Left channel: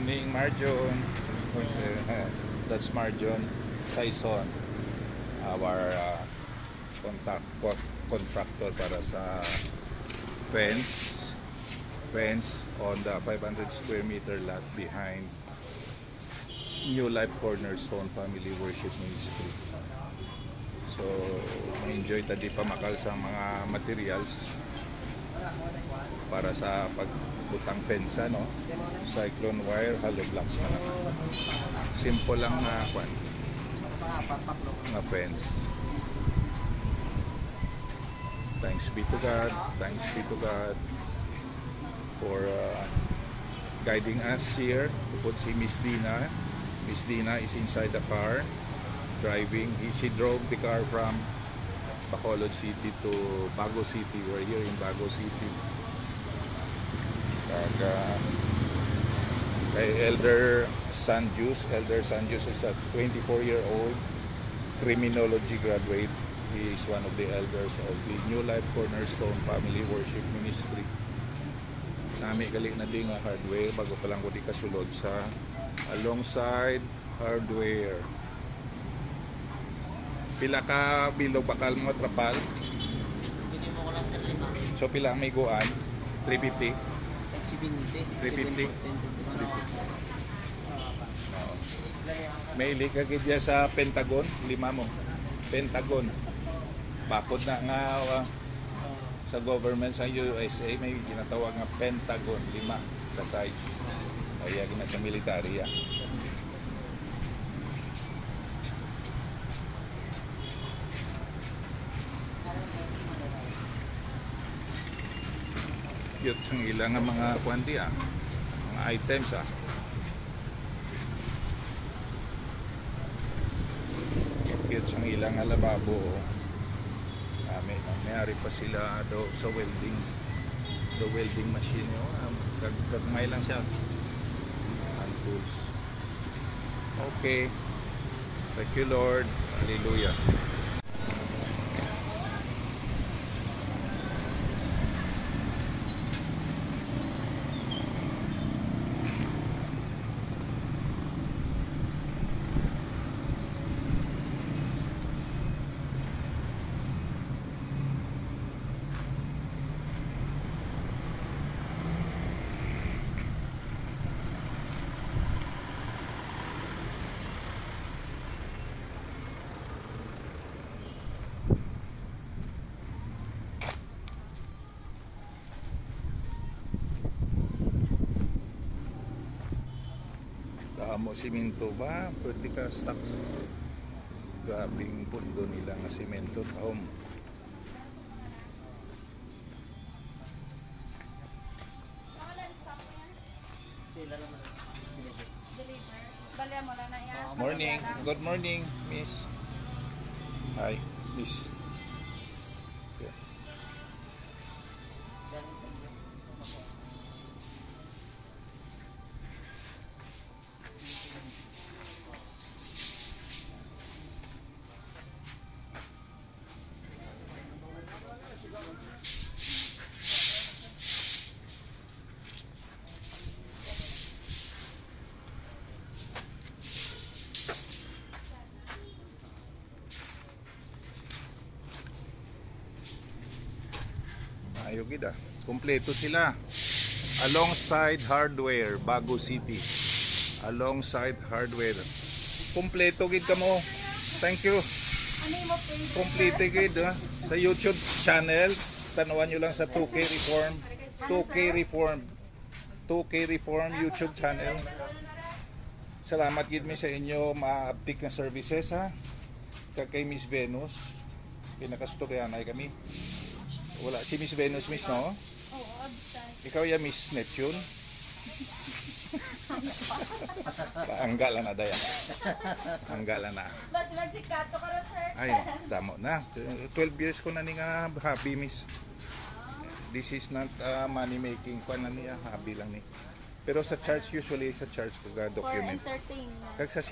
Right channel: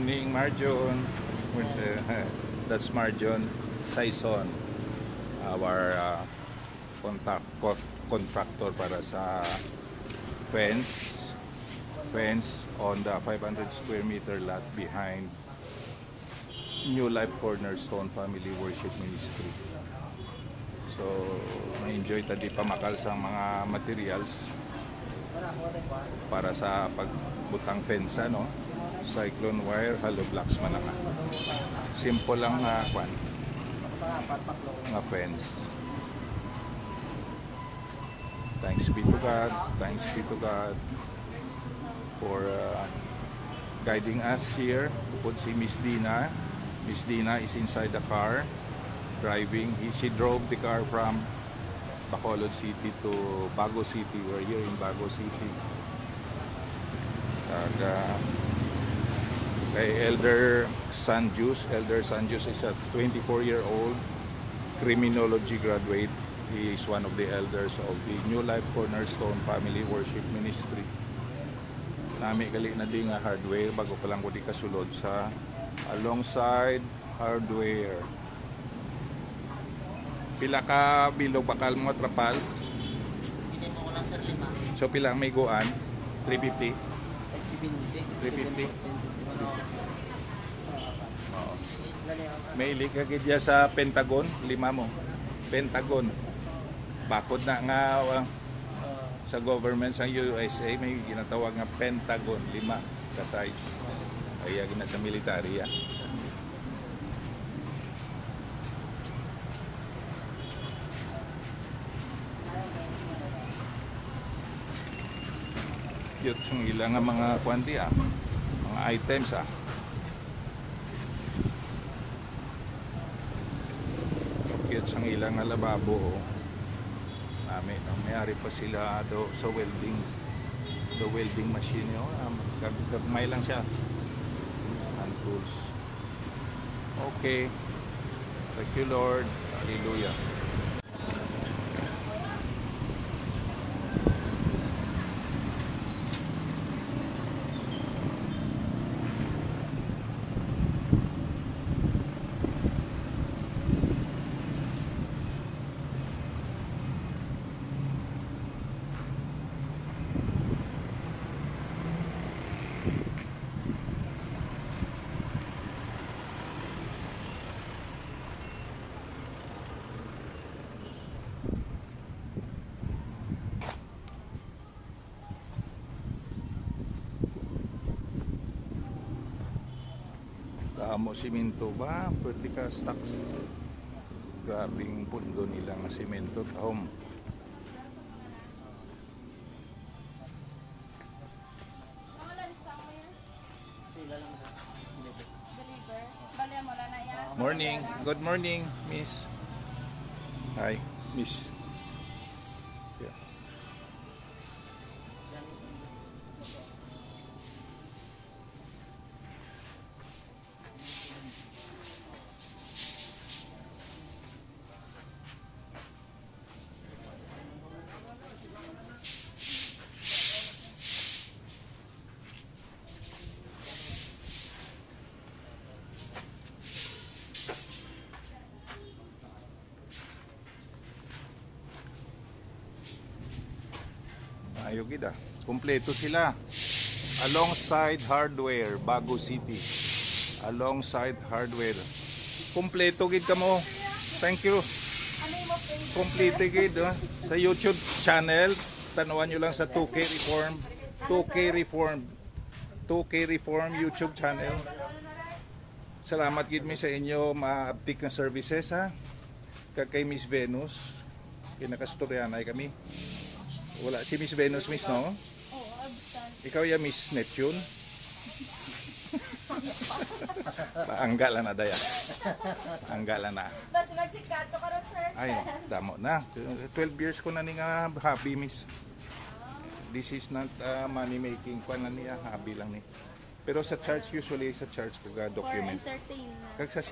morning, Marjon. That's Marjon Saison, our contractor para sa fence on the 500 square meter lot behind New Life Cornerstone Family Worship Ministry. So, ma-enjoy tadi pamakal sa mga materials para sa pagbutang fence, no? Cyclone wire, hollow blocks malaman. Simple lang na nga fence. Thanks be to God. Thanks be to God for guiding us here. Bukod si Miss Dina. Miss Dina is inside the car driving. She drove the car from Bacolod City to Bago City. We're here in Bago City. Kay Elder Sanjus. Elder Sanjus is a 24-year-old criminology graduate. He is one of the elders of the New Life Cornerstone Family Worship Ministry. Nami gali na di nga hardware bago pa lang ko di kasulod sa alongside hardware. Pila ka bilog bakal mo trapal? So pila ang may guan? 350? 350? May ilikagid ya sa Pentagon, 5 mo. Pentagon. Bakod na nga sa government sa USA may ginatawag nga Pentagon, 5 ka size. Kaya gina sa military ya. Cute ang ilang mga kwanti mga items Cute ang ilang lababo. Mayari pa sila sa welding. The welding machine, gagmay lang siya. Hand tools. Okay. Thank you, Lord. Hallelujah. Mo simento ba? Pwede ka stock. Grabing pundo nila nga simento taom. Morning. Good morning, Miss. Hi, Miss. Yes. Ayun gida. Kompleto sila. Alongside hardware, Bago City. Alongside hardware. Kompleto gid kamo. Thank you. Kompleto gid sa YouTube channel. Tanawan nyo lang sa 2K Reform. 2K Reform. 2K Reform YouTube channel. Salamat gid mi sa inyo ma-update ng services kay Miss Venus. Kinakastoryan ay kami. Wala si Miss Venus, Miss, no? Oo, absent. Ikaw ya Miss Neptune? Anggala na daya. Anggala na. Bas magsikato ka ron, sir. Ay, damo na. 12 years ko na ni nga hobby, Miss. This is not money making. Kuan na niya, hobby lang ni. Pero sa church, usually sa church ko ga document. For entertainment. Kag sa